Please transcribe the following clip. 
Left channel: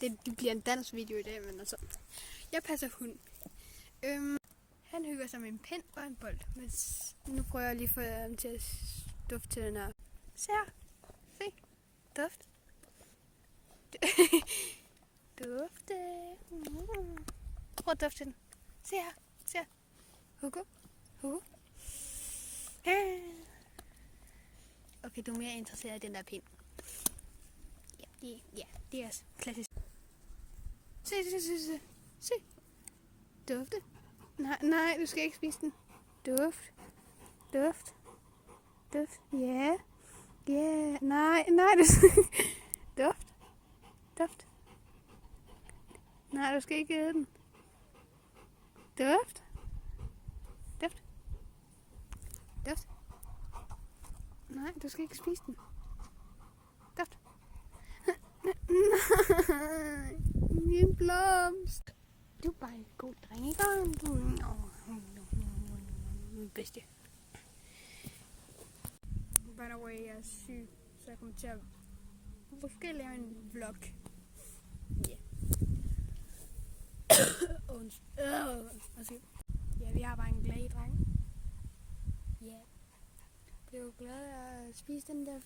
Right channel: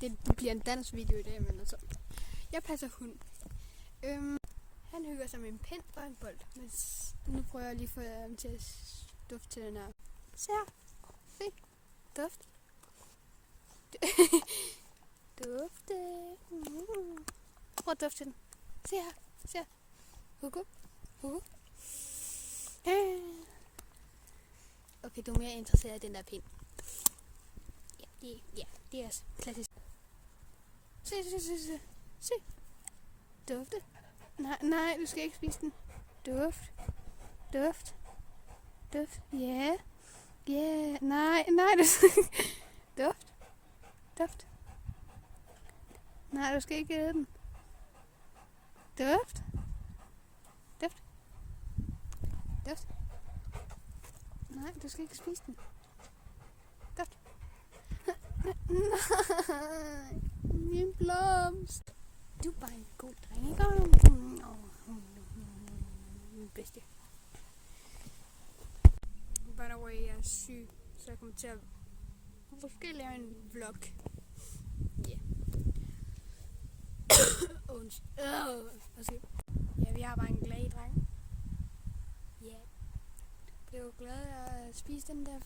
Det bliver en dansvideo i dag, men altså. Jeg passer hund. Han hygger sig med en pind og en bold. Men nu prøver jeg lige at få ham til at dufte til den her. Se her. Se. Duft. Dufte. Prøv at dufte til den. Se her. Se her. Hugo. Hugo. Okay, du er mere interesseret i den der pind. Ja, det er klassisk. Se. Dufte. Nej, du skal ikke spise den. Duft. Ja. Nej, du skal Duft. Nej, du skal ikke æde den. Duft. Nej, du skal ikke spise den. Duft. Nej, min blomst. Du er bare en god dreng, ikke? Min bedste. By the way, jeg er syg, så jeg kommer til at måske lave en vlog. Ja, vi har bare en glad dreng. Ja. Bliver du glad at spise den der